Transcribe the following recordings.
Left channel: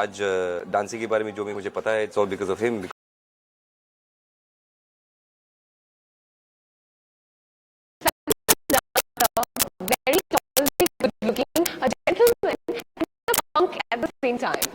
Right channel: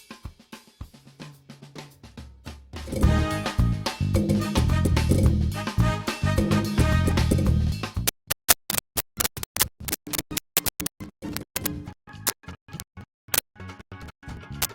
आज डांसिंग के बारे में जो भी मुझे पता है, it's all because of him. Very tall, very good looking, a gentleman, and a punk at the same time.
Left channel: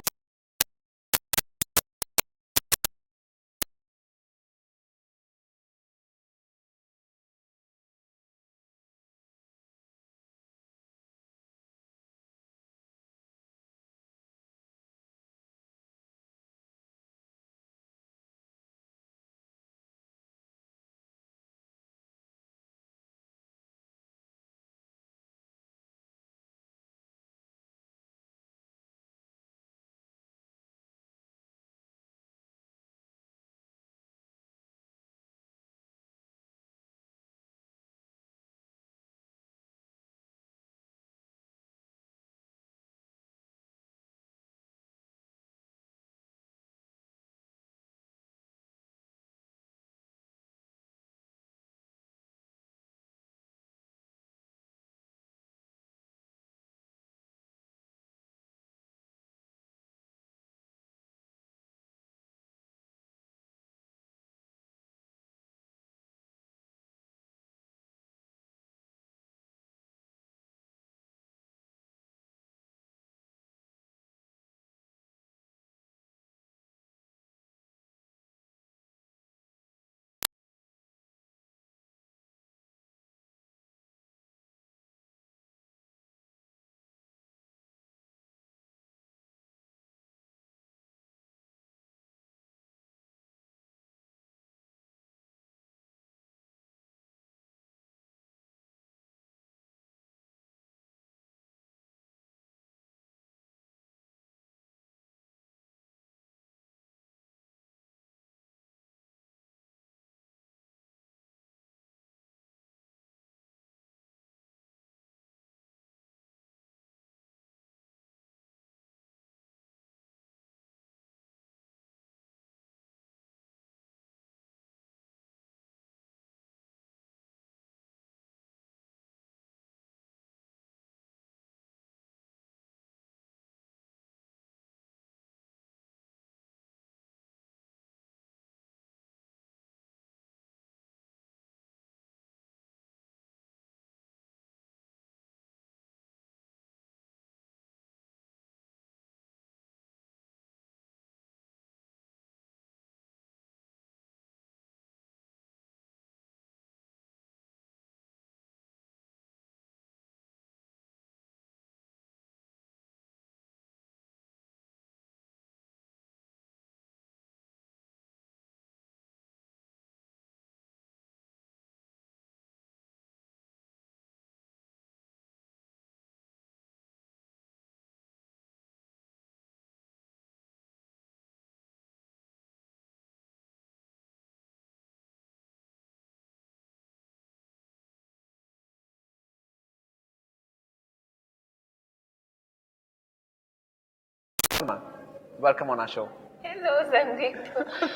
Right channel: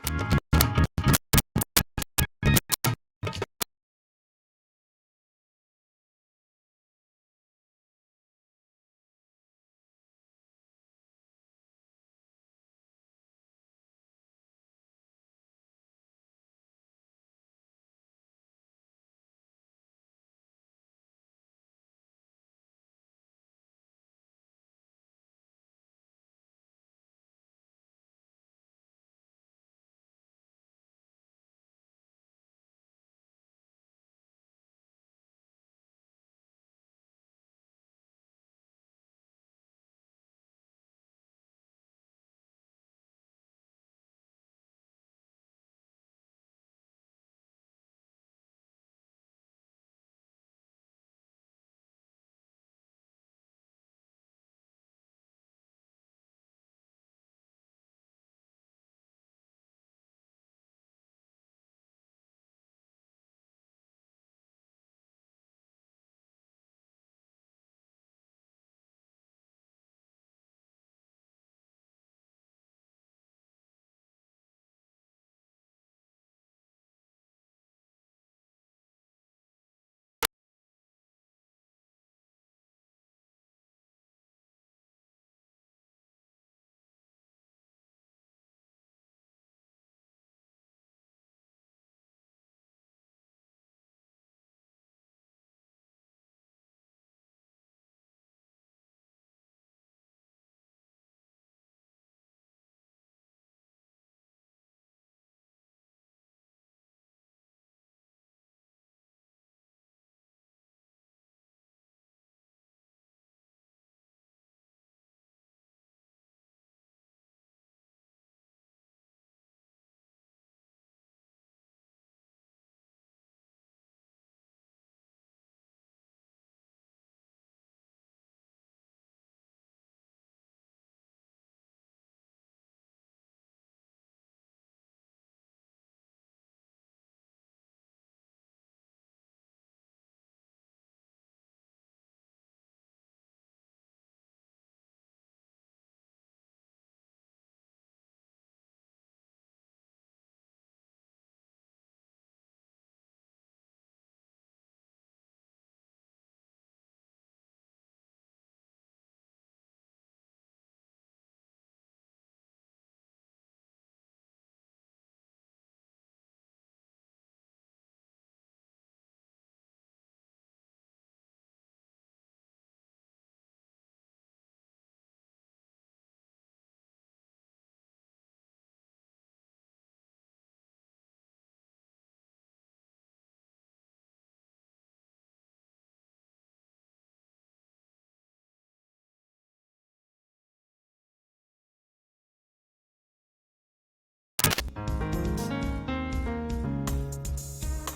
Welcome on our show. Hello Sandeep,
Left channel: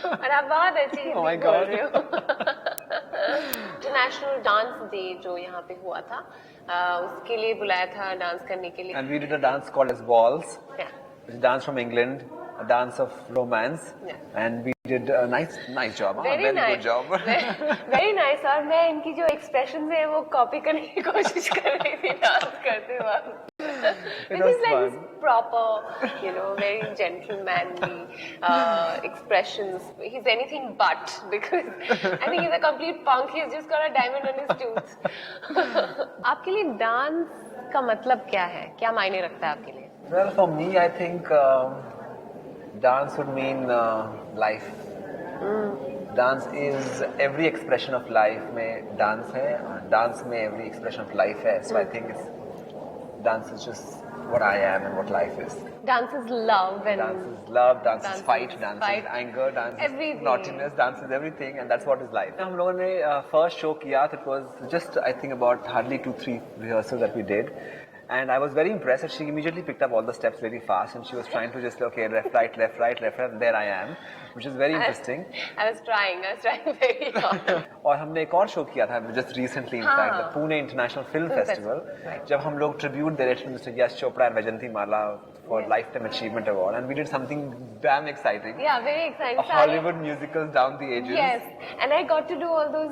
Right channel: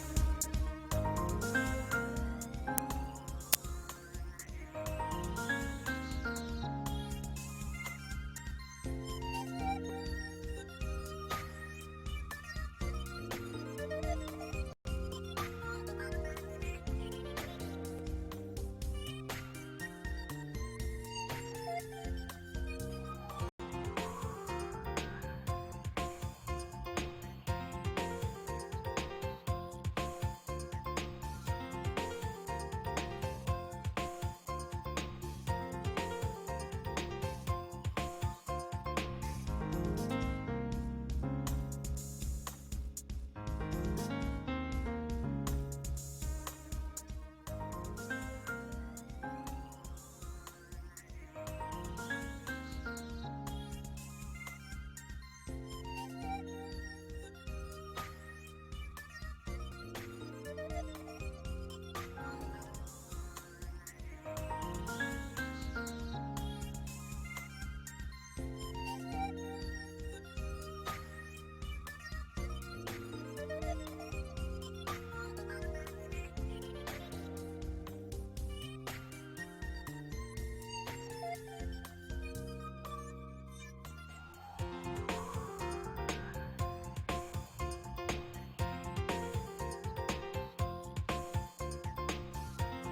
और आप बहुत अच्छी Oh my God. International dance day जो यहाँ पे हुआ था, उसके लिए बुलाया था डांस करने के लिए। And we did a dance called as Waltz. Yeah. It's a dance from England, a dance of romance. Yeah. And we did a nice job. Huh? Very nice. Good job. Very nice. और मैं इनकी जो expression है वो copy करने की कोशिश कर रही थी डांस करते वक्त। This was is like fun. this proper, very gentlemanly expressions. He's anything but, because I think he's a complete punk. He's just got a diamond on his tooth. आपके लिए डांस का मतलब क्या है? क्या मायने रखता है आपके लिए? Well, for me, I think dance would mean life. Dance is every expression of life. में dance है, dance में every expression of life है. So I think dance is just what I am and what life is. Dance is love and Dance is love, dance Dance is fight, is dance fight. is anger, dance Everything. is naughtiness, dance is everything, and that's what is life. हम लोगों ने first show किया, it was just I think about hardly 2-3 rehearsals that we did. And I was very impressed that she immediately picked up all the steps very fast, and she was trying to just, okay, left, right, left, right, left, right, there I am. which is very interesting. I was trying very hard. और हमने एक और show किया था just recently in fact, the Pune International Film Festival, जब हम लोग tribute दे रहे थे Mr. Yash Chopra and Vajanti Mala for Lifetime Achievement Award, and we did something damn exciting. Yeah, very exciting. A Hollywood musical down the ages. Yes, and I got to do all those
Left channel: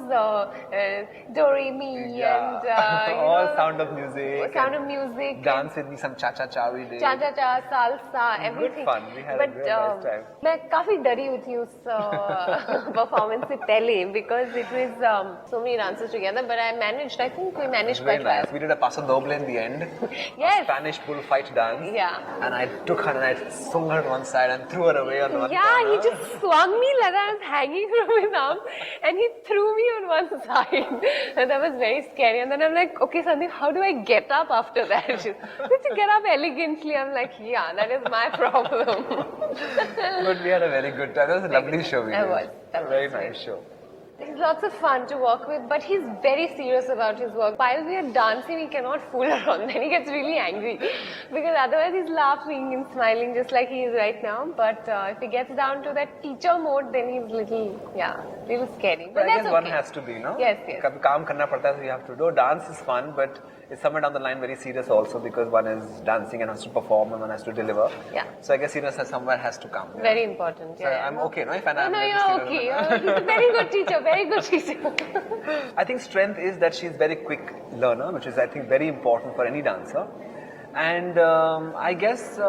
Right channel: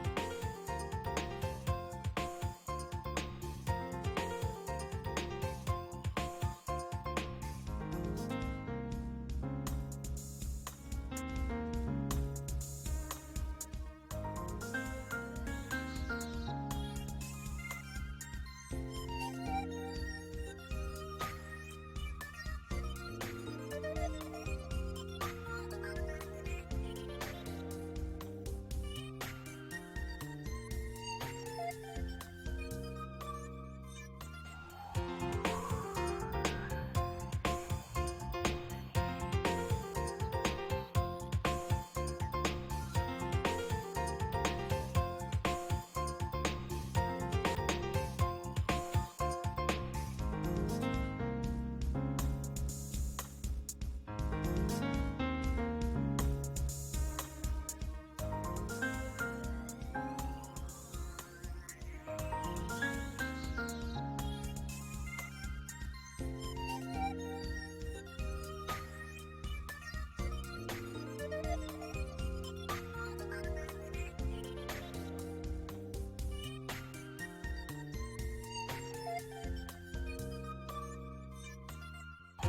Do Re Mi and all Sound of Music. Sound of Music. Dance with me, some cha-cha-cha we did. Cha-cha-cha, salsa, everything. Good fun. We had a very nice time. मैं काफी डरी हुई थी उस performance से पहले because it was so many dances together, but I managed. I think we managed Very quite well. nice. We did a paso doble in the end. Yes. Spanish bullfight dance. Yeah. And I took her and I swung her to one side and threw her away on one Yeah, corner. he just swung me like I was hanging from his arm, and he threw me on one side. And that was very scary. And then I'm like, okay, Sandeep, how do I get up after that? She's, did you get up elegantly? I'm like, yeah, that is my problem. But we had a very good time. It was a lovely show we That did. was. A very nice show. He's lots of fun to work with, but he's very serious about his work. While we are dancing, he cannot fool around. Then he gets really angry because otherwise he's laughing and smiling just like he is right now. But if he gets down to that teacher mode, then he's little scary. But I that's guess okay. one has to be, no? Yes, yes. कभी काम करना पड़ता है, so you have to do. Dance is fun, but it's somewhere down the line very serious also because one is dancing and has to perform and one has to deliver. Yeah. So I guess seriousness somewhere has to come. Very important. Yeah. I'm okay, no? If I'm No, you're okay. He's a very good teacher. Very good teacher. I think strength is that she's very quick learner, which is I think very important for any dancer. And I guess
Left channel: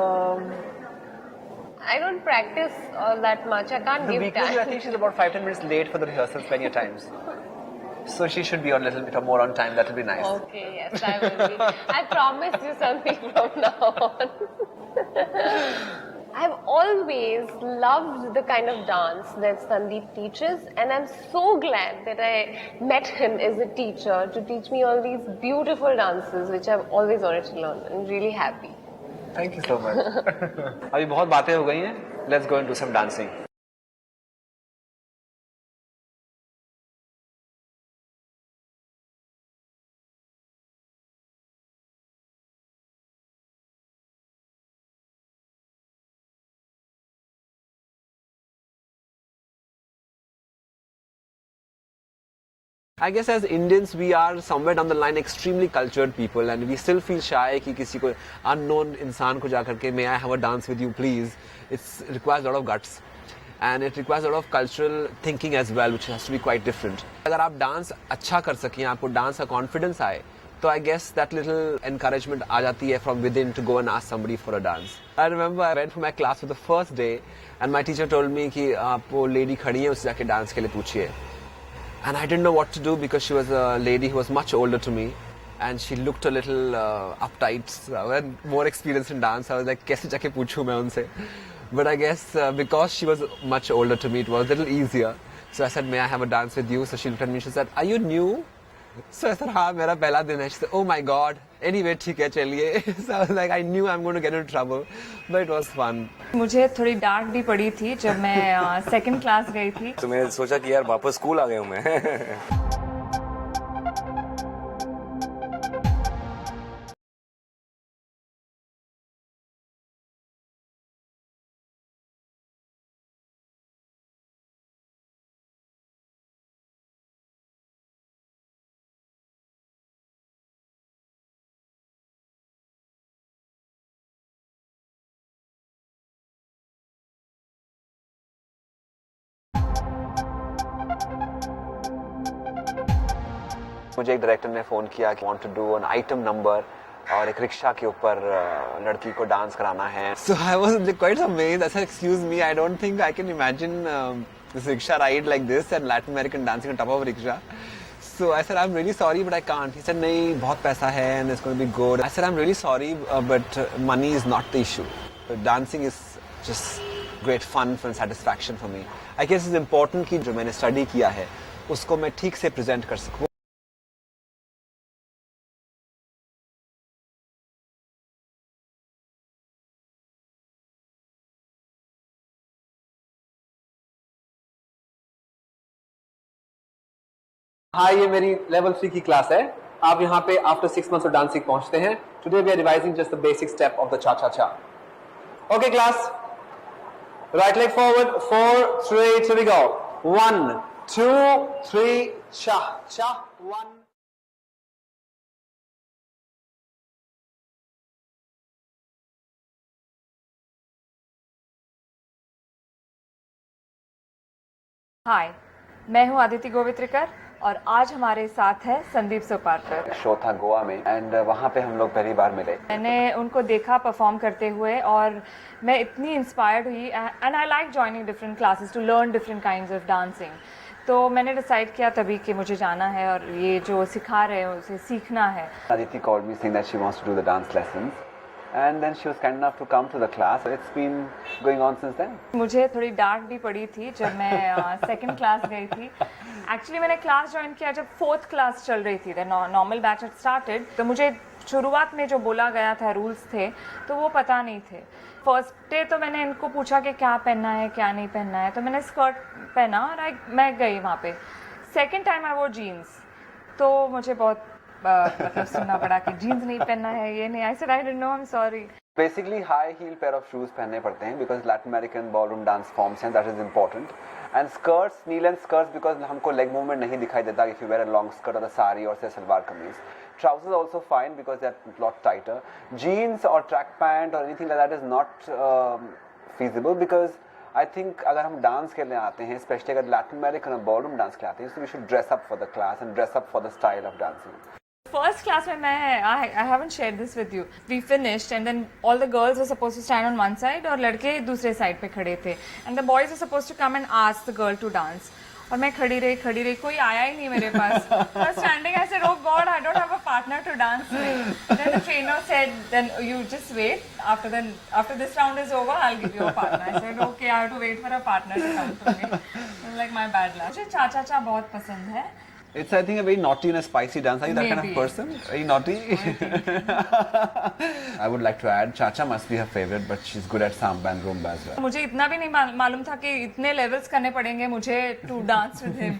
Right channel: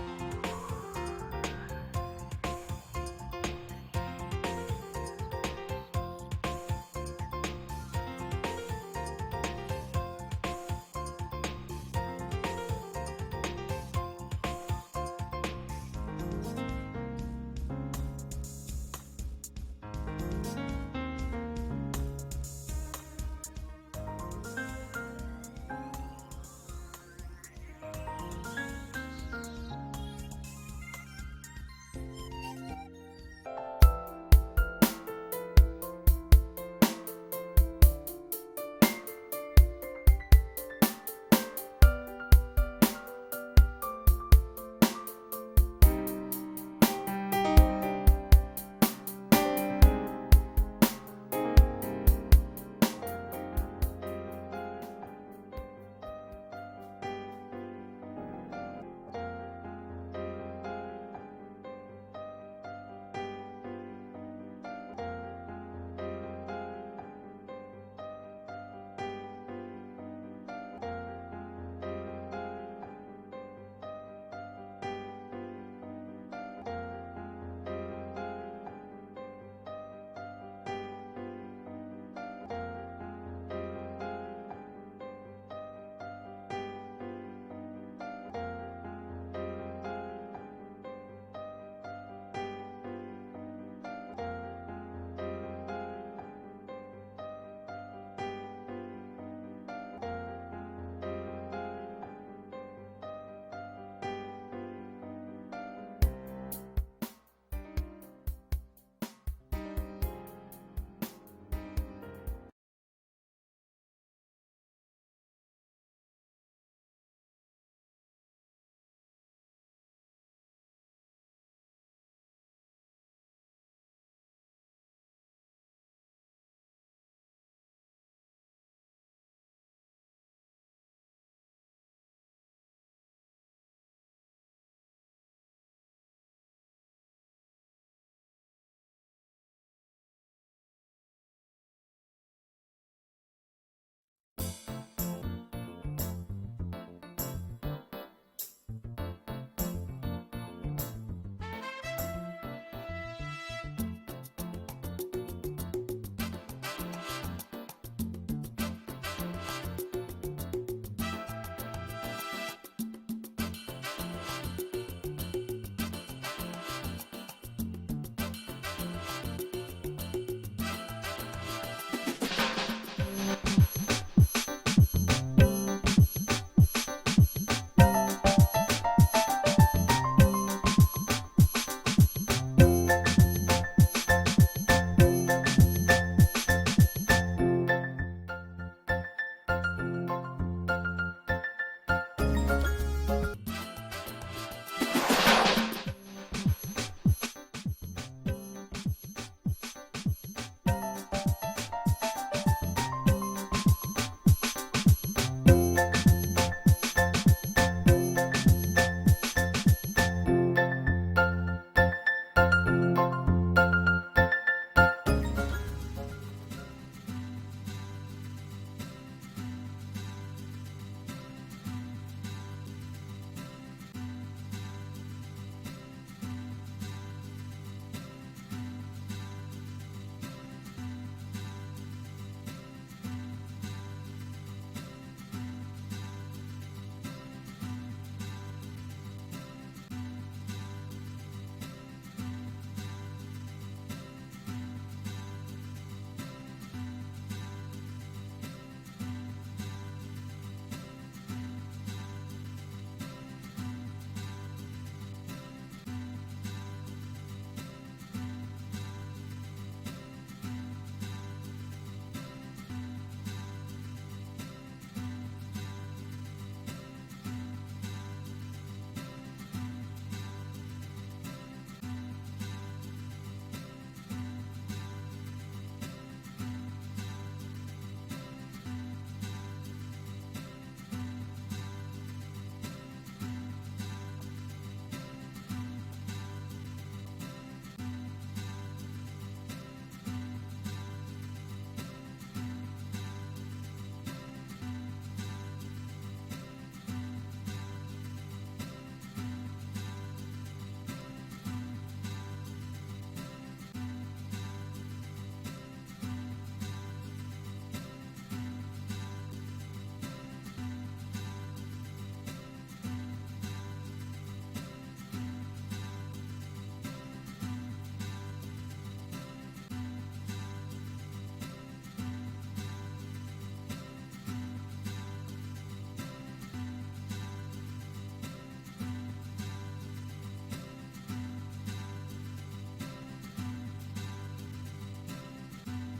I don't practice that much. I can't the give weakness is I time. think she's about 5-10 minutes late for the rehearsals many a times. So she should be a little bit more on time. That would be nice. Okay, yes, I will be. I promise you something from now on. I've always loved the kind of dance that Sandeep teaches, and I'm so glad that I met him as a teacher to teach me all these beautiful dances which I've always wanted to learn. I'm really happy. Thank you so much. अभी बहुत बातें हो गई हैं. Let's go and do some dancing. I guess as Indians we are somewhere down the line extremely cultured people and we still feel shy कि किसी को unknown इंसान को जा करके may I have a dance with you please. It requires a lot of guts and it requires a lot of cultural thinking as well which has to be quite different. अगर आप dance अच्छा कर सकें आपको dance का confidence आए तो I guess that little encouragement आ जाती है from within to go and ask somebody for a dance. I remember I went for my class for the first day and my teacher told me कि आप वो lady खड़ी है उससे जाके dance के लिए पूछिए. And I didn't know what to do because she was a lady who was much older to me and she looked a little uptight and more experienced in dance. I was like, कैसे जाके पूछूं मैं उनसे? But I guess because she was much older to me, it was a little easier. So I said, may I have a dance with you? So she looked at me and she said, are you new? So I said, हाँ मेरा पहला दिन है. She said, oh my God. Anyway, ठीक है चलिए. So I was like, I knew I'm going to get into trouble, but it was fun. मुझे थोड़ी डांट भी पड़ी थी जब मैं सेकंड क्लास गई थी. तो मैंने सोचा कि यार वापस स्कूल आ गया हूँ मैं. मुझे एक डायरेक्टर ने फ़ोन किया कि want to do an item number और एक रिक्शा के ऊपर लड़की को डांस कराना है. So I was quite amazed. I said, excuse me, I don't think I can imagine this rickshaw ride like this and Latin American dancing on top of a rickshaw. So I said, I'm really sorry, but I can't. He said, नहीं, बहुत पैसा है and it's going to be good. I said, I'm really sorry, but money is not the issue. Dancing is just great fun and satisfaction for me. I guess it's important कि जो मैंने study किया है, उसको मैं ठीक से present कर सकूँ. हाँ ये मेरी लेवल 3 की क्लास है. आप यहाँ पे आफ्टर 6 months of dancing पहुँचते हैं. Today we are revising just the basic step of the cha-cha-cha. Okay class, Right leg forward, 4 straight, here we go. 1, 2, 3, cha, cha. हाय, मैं हूँ आदिति गोवित्रिकर और आज हमारे साथ है संदीप सोपारकर। शो था गोवा में एंड वहाँ पे हम लोग पहली बार मिले। मैंने उनको देखा परफॉर्म करते हुए और मैं इतनी इंस्पायर्ड हुई and I like joining different classes to learn different kinds of dancing. तो मैंने डिसाइड किया तभी कि मुझे जाना है और ये जो सिखा रहे हैं उसे सीखना है। Aditi called me saying that she wants to do the dance lessons and then she was kind enough to come to the class. It's been going on since then. मुझे थोड़ी डांट भी पड़ी थी जब मैं सेकंड क्लास गई थी। एक्चुअली मैंने क्लास ज्वाइन किया जब फोर्थ क्लास चल रही थी, नॉर्मल बैच had स्टार्टेड। तो मुझे शुरुआत में जो बोला गया था रूल्स थे तो वो पता नहीं थे। फर्स्ट डे तो मैंने इनको पूछा कि क्या पहनना है क्या नहीं पहनना है, तो मैंने स्कर्ट पहना और मैं गई वहाँ पे। सेकेंड टाइम आई वो जीन्स, तो मुझे बहुत मतलब सुनना पड़ा कि जीन्स नहीं पहनना है, ये नहीं। I said I didn't know, I am sorry. Basically, high heel pair of shoes पहनने पड़ते हैं because Latin American ballroom dance forms हैं, that is important. And skirts, knee length skirts because हमको leg movement नहीं दिखाई देता if you wear a long skirt or a sari or say salwar kameez. Trousers also fine because they're a lot tighter. Jeans or track pant or anything like that is not feasible because I think अगर हम dance खेलने आते हैं, especially अगर Latin American और ballroom dance खेलते हैं, so we should dress up for the class and dress up for the style of dancing. First class में मैं I haven't share this with you, we finished and then all the girls were supposed to stand on one side और लड़के दूसरे side पे खड़े थे and the boys were supposed to come and ask the girl to dance. और मैं खड़ी रही, कोई आया ही नहीं मेरे पास। I was standing, I said, oh God, I don't have a partner to dance with. Then the trainer said, then you just wait. After this round is over, I'll give you a partner. I said, okay, I have to wait for a partner to come to me. It was like my bad luck. मुझे cha-cha-cha बहुत पसंद है। It's, I think, a very naughty and a spicy dance. Are you that kind of Maybe. person? Very naughty? I would like to add, Chacha must be her favorite, but she's good at samba and rumba as well. मुझे इतना भी नहीं मालूम था कि इतने levels करने पड़ेंगे मुझे to dance with him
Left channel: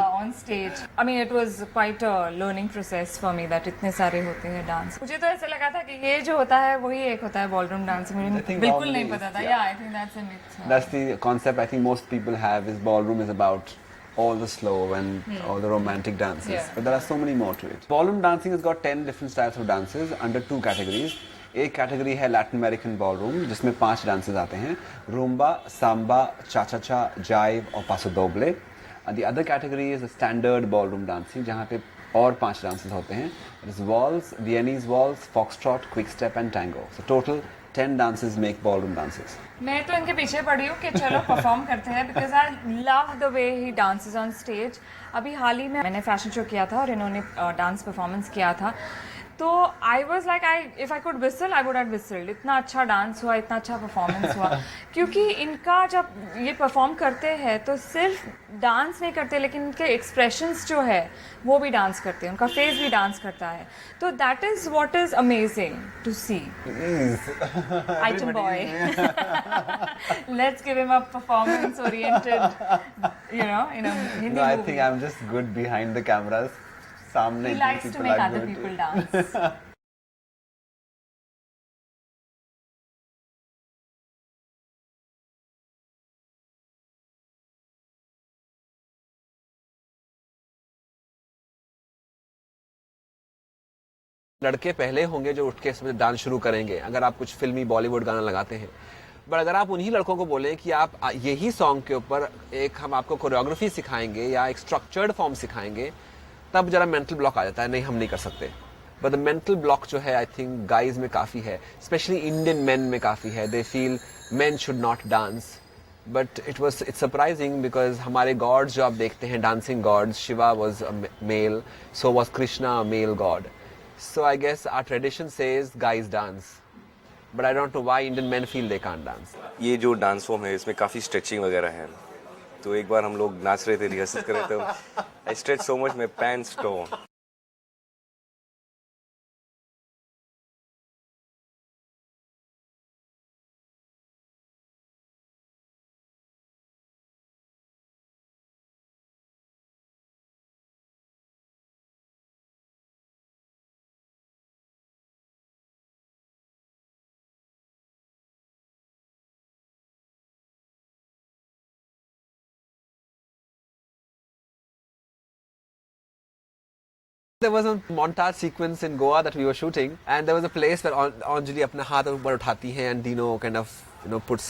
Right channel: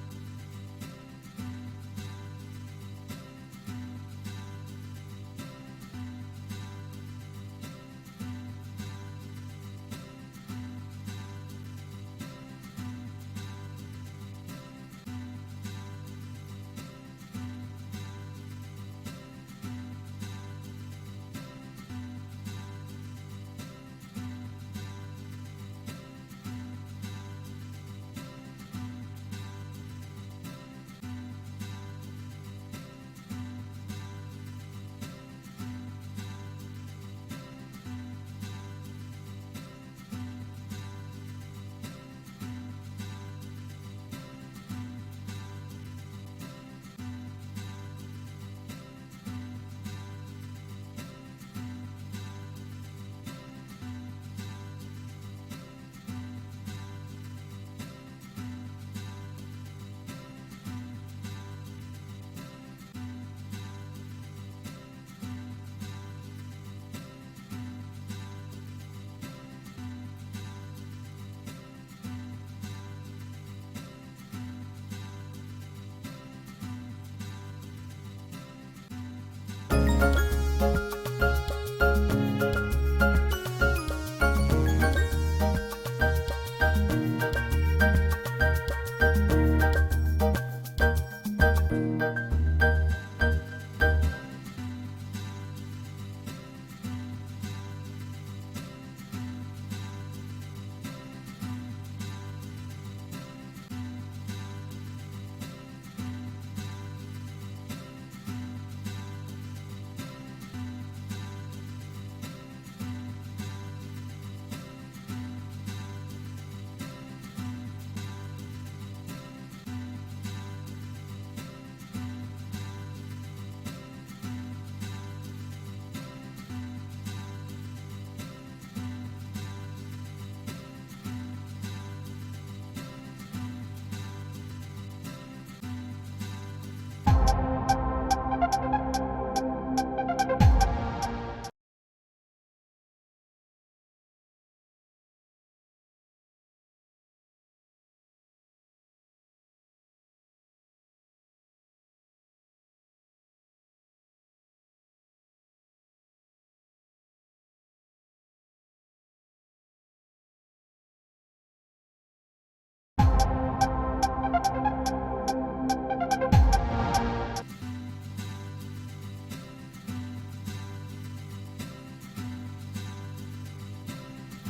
on stage. I mean it was quite a learning process for me that इतने सारे होते हैं डांस। मुझे तो ऐसा लगा था कि ये जो होता है वही एक होता है बॉलरूम डांस। मुझे think बिल्कुल normally नहीं पता था। is, या I think that's a myth. That's the concept I think most people have is ballroom is about all the slow and all the romantic dances. Yeah. But there are so many more to it. Ballroom dancing has got 10 different styles of dances under 2 categories. एक category है Latin American ballroom जिसमें 5 dances आते हैं, Roomba, Samba, चा-चा-चा, जाइव और पासो दोबले। And the other category is standard ballroom dancing जहाँ पे और 5 डांसेस होते हैं। It is waltz, Viennese waltz, foxtrot, quick step and tango. So total 10 dances make ballroom dances. मैं तो इनके पीछे पड़ी हूँ कि चलो परफॉर्म करते हैं because I love the way he dances on stage. अभी हाल ही में मैंने फैशन शो किया था और इन्होंने डांस परफॉर्मेंस किया था, तो I was like if I could whistle I would have whistled. इतना अच्छा डांस हुआ, इतना अच्छा परफॉर्मेंस हुआ क्योंकि इनका जब ये परफॉर्म करते हैं तो सिर्फ डांस नहीं करते लेकिन उनके एक्सप्रेशंस जो है वो भी डांस करते हैं, उनका फेस भी डांस करता है। तो that is what is amazing to see. Item boy, let's give him a performance oriented in a Hindi No, I movie. think I'm just good behind the cameras. सामने He likes to people make are other good. people dance. लड़के पहले होंगे जो उठ के इसमें dance शुरू करेंगे अगर आप कुछ फिल्मी बॉलीवुड गाना लगाते हैं। पर अगर आप उन्हीं लड़कों को बोलें कि आप यही सॉन्ग के ऊपर हम आपको कोरियोग्राफी सिखाएंगे या एक स्ट्रक्चर्ड फॉर्म सिखाएंगे, तब जरा मेंटल ब्लॉक आ जाता है, नहीं हम नहीं कर सकते। पर द मेंटल ब्लॉक जो है आई थिंक गाइज में काफ़ी है, स्पेशली इंडियन मेन में काफ़ी है। They feel men should not dance, but it's surprising because हमारे गॉड्स जो आप देखते हैं dancing gods, Shiva was a male, so was Krishna a male god. So I guess our tradition says guys dance, but I don't know why Indian men feel they can't dance. ये जो dance form है इसमें काफ़ी stretching वगैरह है, तो एक बार हम लोग नाच रहे थे, रिहर्सल कर रहे थे, I stretch so much my pants tore. there was a montage sequence in Goa that we were shooting, and there was a place where Anjali अपना हाथ ऊपर उठाती है and Dino kind of puts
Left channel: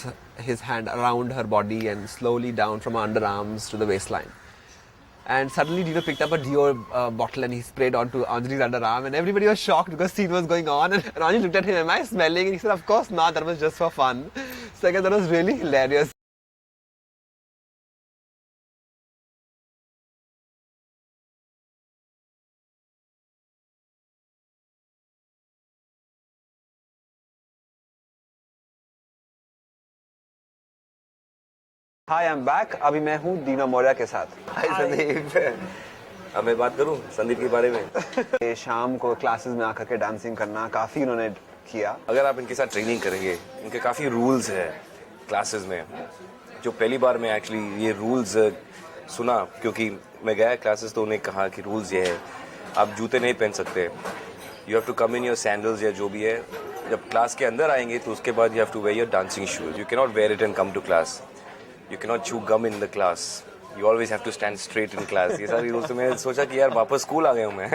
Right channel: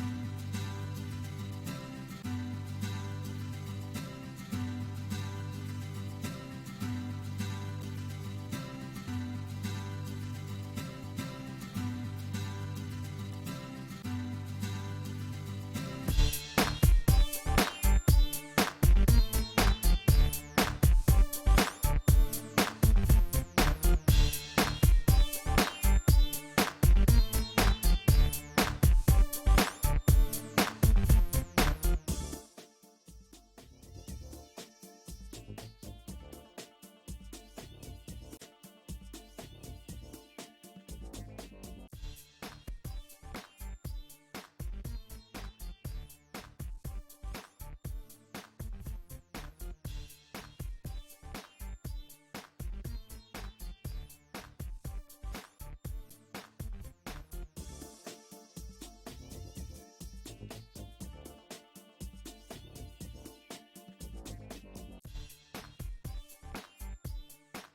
his hand around her body and slowly down from her underarms to the waistline. And suddenly Dino picked up a Dior bottle and he sprayed onto Anjali's underarm, and everybody was shocked because scene was going on. And Anjali looked at him, "Am I smelling?" And he said, "Of course not. That was just for fun." So I guess that was really hilarious. Hi, I'm back. अभी मैं हूँ दीना मौर्या के साथ. हाय संदीप। अब मैं बात करूं संदीप के बारे में। ये शाम को क्लासेस में आकर के डांसिंग करना काफ़ी उन्होंने किया. अगर आप इनके साथ ट्रेनिंग करेंगे, इनके काफ़ी रूल्स है क्लासेस में। जो पहली बार मैं एक्चुअली ये रूल्स सुना, क्योंकि मैं गया क्लासेस तो उन्हें कहा कि रूल्स ये है, आप जूते नहीं पहन सकते, you have to come in your sandals या जो भी है। जब क्लास के अंदर आएंगे तो उसके बाद you have to wear your dancing shoes, you can not wear it and come to class, you can not chew gum in the class, you always have to stand straight in class. ये सारी rules, तो मैं सोचा कि यार वापस school आ गया हूँ मैं।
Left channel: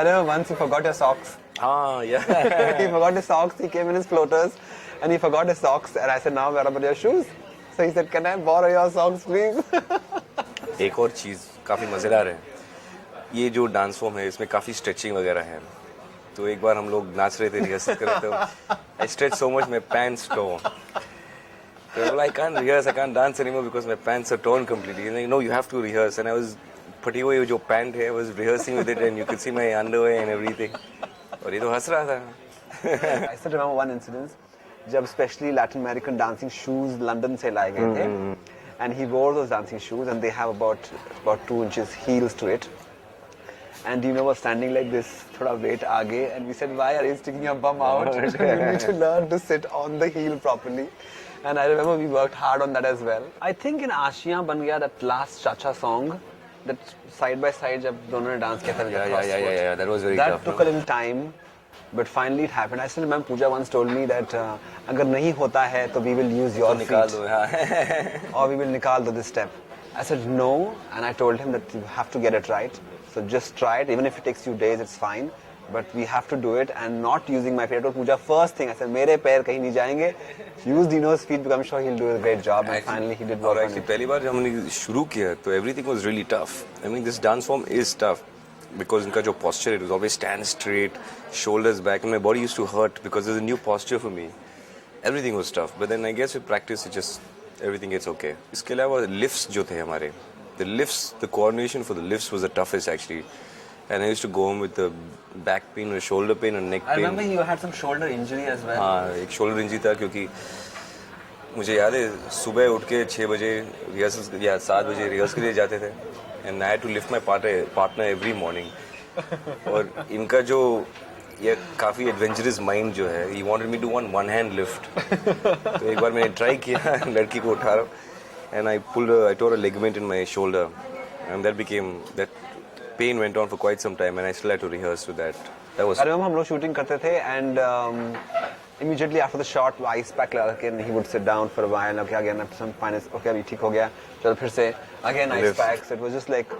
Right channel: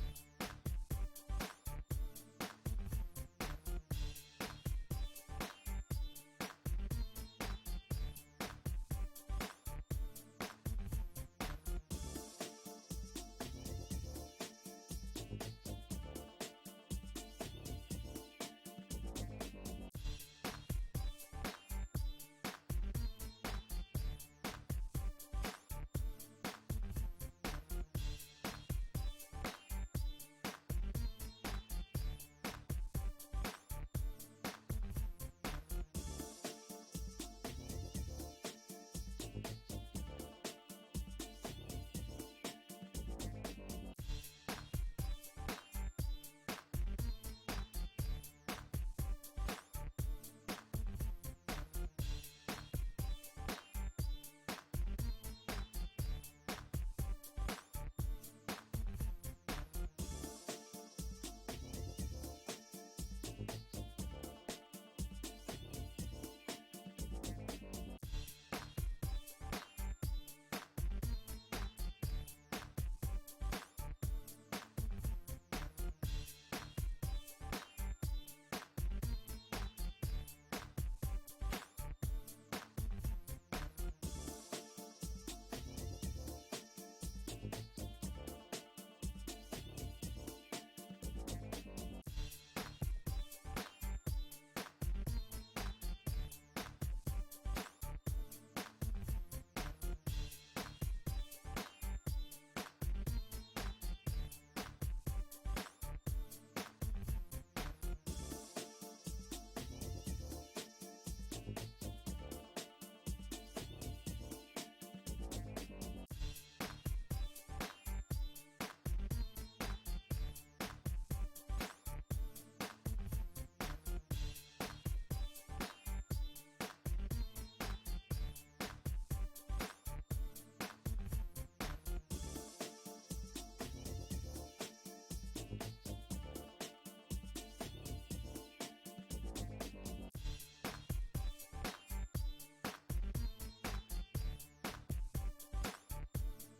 अरे once he forgot his socks. हाँ या He forgot his socks. He came in his floaters and he forgot his socks. And I said, "Now where about your shoes?" So he said, "Can I borrow your socks, please?" एक और चीज़ काफ़ी मज़ेदार है, ये जो dance form है इसमें काफ़ी स्ट्रेचिंग वगैरह है। तो एक बार हम लोग नाच रहे थे, रिहर्सल कर रहे थे, I stretch so much my pants tone. I can't rehearse, I can't dance anymore because my pants are torn completely. And you know, you have to rehearse. And I was फटी हुई जो pant है, I was rehearsing with it and you could see my underwear and everything. और ये तो हंस रहा था। I still remember one incident. जब specially Latin American dancing shoes London से लाए गए थे, and he wore those dancing shoes and they have about 2 inches heels to it. And Dino was standing like this, थोड़ा weight आगे, and we said, "Why are you sticking your bum out? You need to learn to sit on the heel properly." And I remember we worked hard on that as well. I think in Aashiyan ban gaya, that last Cha-Cha song, that side by side जब दोनों ने dance किया था, Yeah, that was very that tough. took a little time, but finally it happened. I still remember Pooja once told me that अगर नहीं होता है तो we will use your निकाल feet, दो, हाँ। or we will निकाल दो this step. I said no, and I told him that you have to get it right. So just try it, even if it takes few days, it's fine. But we have to do it, and not using my feet. I told Pooja first thing, I said मेरे पैर कहीं नहीं जाएंगे. Use Dino's feet because I'm sure he'll do a great job. And finally he did work on Actually, it. पहली बार जब हमने शुरू किया तो everything was really tough. I mean, this dance form is tough because इनका जो posture, it was always stand straight, shoulders back, and my body used to hurt because there's a new posture for me. Everything was tough, but then I guess with practice, it just everything gets okay. इसके अलावा lifts जो थे हमारे, the lifts, the coordination for the lifts was the toughest actually. And I used to go home with the back pain or shoulder pain or neck I pain. remember you had some shoulder injury as well. हाँ, एक shoulder injury था क्योंकि मुझे याद है सुबह उठ के 6 बजे रिहर्सल या 7 बजे रिहर्सल के लिए जाते थे, and I had to lift my partner every morning. और इनका जो ये काफ़ी एडवेंचरस माइंड जो है, he wanted me to one hand lift. तो एक बार मैंने ट्राई किया, लड़की को उठा रहा, and I tore a ligament in my shoulder, and that pain went on for quite some time and I still had to rehearse with that. That was I remember हम लोग shooting करते थे, and immediately after the shot वो ice pack लगा के he would sit down for a while. Okay, again some finance, okay अभी ठीक हो गया, चलो फिर से again ice Lift. pack. So it was just like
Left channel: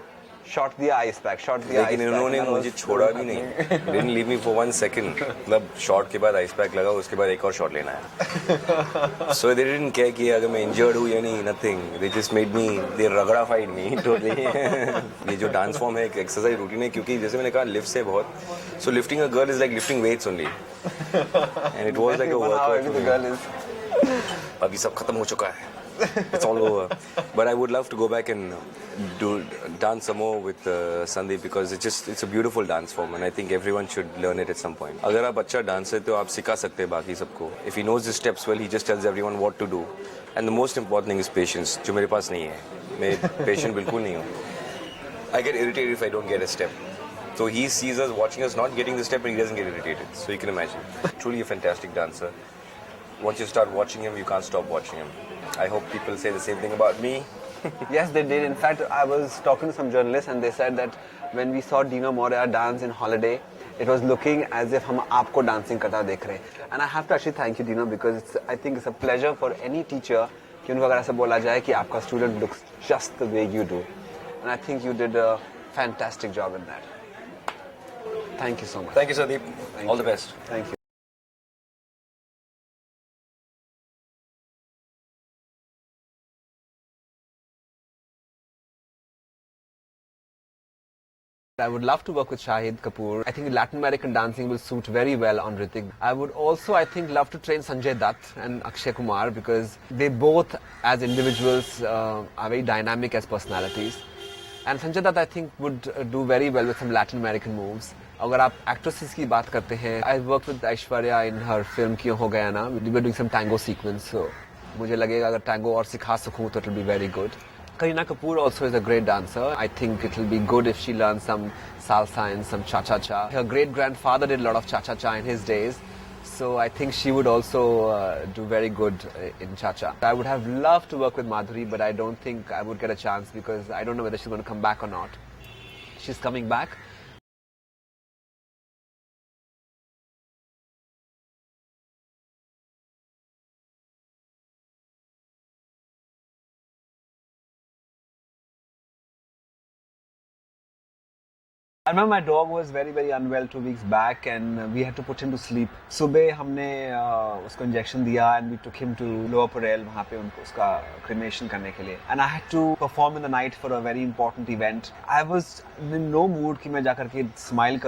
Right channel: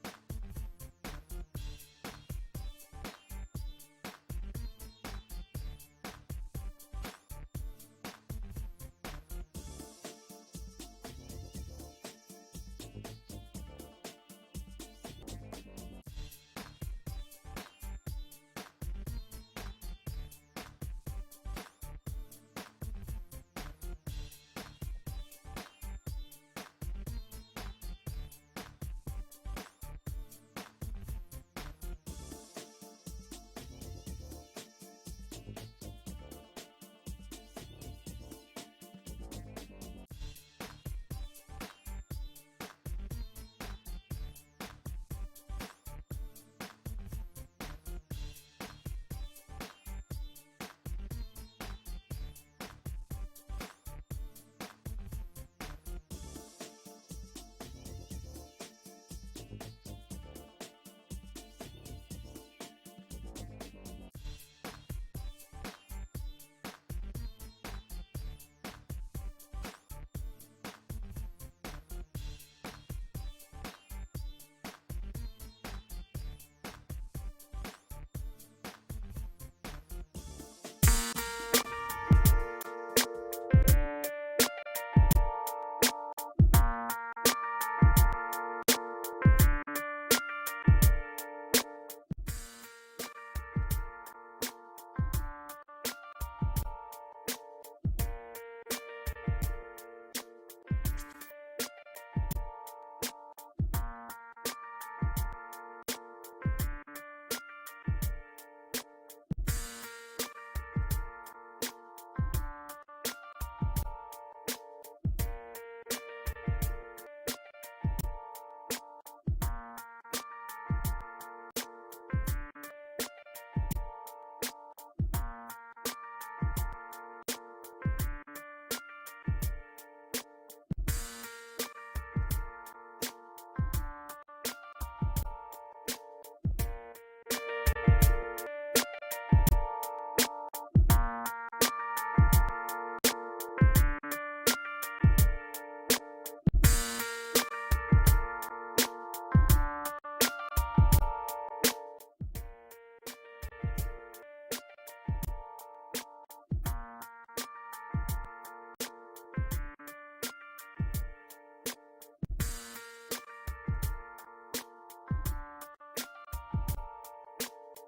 shot दिया ice pack, shot दिया ice लेकिन pack. इन्होंने and that मुझे was छोड़ा still भी नहीं, happening. didn't leave me for 1 second. मतलब शॉट के बाद आइस पैक लगा, उसके बाद एक और शॉट लेना है। So they didn't care कि अगर मैं इंजर्ड हूँ या नहीं, nothing. They just made me, they ragdafied me totally. ये जो डांस फॉर्म है, एक एक्सरसाइज रूटीन है, क्योंकि जैसे मैंने कहा लिफ्ट है बहुत, so lifting a girl is like lifting weights only. And it was like a 1 hour workout. the girl is. अभी सब खत्म हो चुका है. It's all over. But I would love to go back and dance some more with Sandeep because it's a beautiful dance form and I think everyone should learn it at some point. अगर आप अच्छा dancer है तो आप सिखा सकते हैं बाकी सबको. If he knows the steps well, he just tells everyone what to do. And the most important thing is patience, जो मेरे पास नहीं है. मैं patient बिल्कुल नहीं हूँ. I get irritated if I don't get a step. So he sees us watching us not getting the step and he doesn't get irritated. So you can imagine. Truly a fantastic dancer. Once you start watching him, you can't stop watching him. I hope people say the same thing about me. Yes, they did. In fact, I was talking to some journalists and they said that when we saw Dino Morea dance in Holiday, it was looking as if हम आपको dancing करता देख रहे हैं. And I have to actually thank you, Dino, because I think it's a pleasure for any teacher कि उनको अगर ऐसा बोला जाए कि आपका student looks just the way you do. And I think you did a fantastic job in that. Thank you so much. Thank you, Sandeep. All the best. Thank you. I would love to work with Shahid Kapoor. I think Latin American dancing will suit very well on Hrithik. I would also, I think, love to train Sanjay Dutt and Akshay Kumar because they both, as individuals, are very dynamic as personalities. And Sanjay Dutt, I think, would do very well with some Latin American moves. अगर आप actresses की बात करते हैं, I worked with Aishwarya in her film क्यों हो गया ना. We were doing some tango sequence, so मुझे लगेगा अगर tango और सिखा सकूँ तो it will be very good. Kareena Kapoor also is a great dancer. I think it will be good if she learns some salsa and some cha-cha-cha. Her great-grandfather did a lot of cha-cha-cha in his days. So I think she would also do very good in cha-cha. I would have loved to work with Madhuri, but I don't think I would get a chance because I don't know whether she's going to come back or not. She's coming back. I remember my dog was very unwell 2 weeks back and we had to put him to sleep. सुबह हमने उसको injection दिया and we took him to Lower Parel वहाँ पे उनको उसका cremation करने के लिए. And I had to perform in the night for a very important event. I was in no mood कि मैं जाकर के smile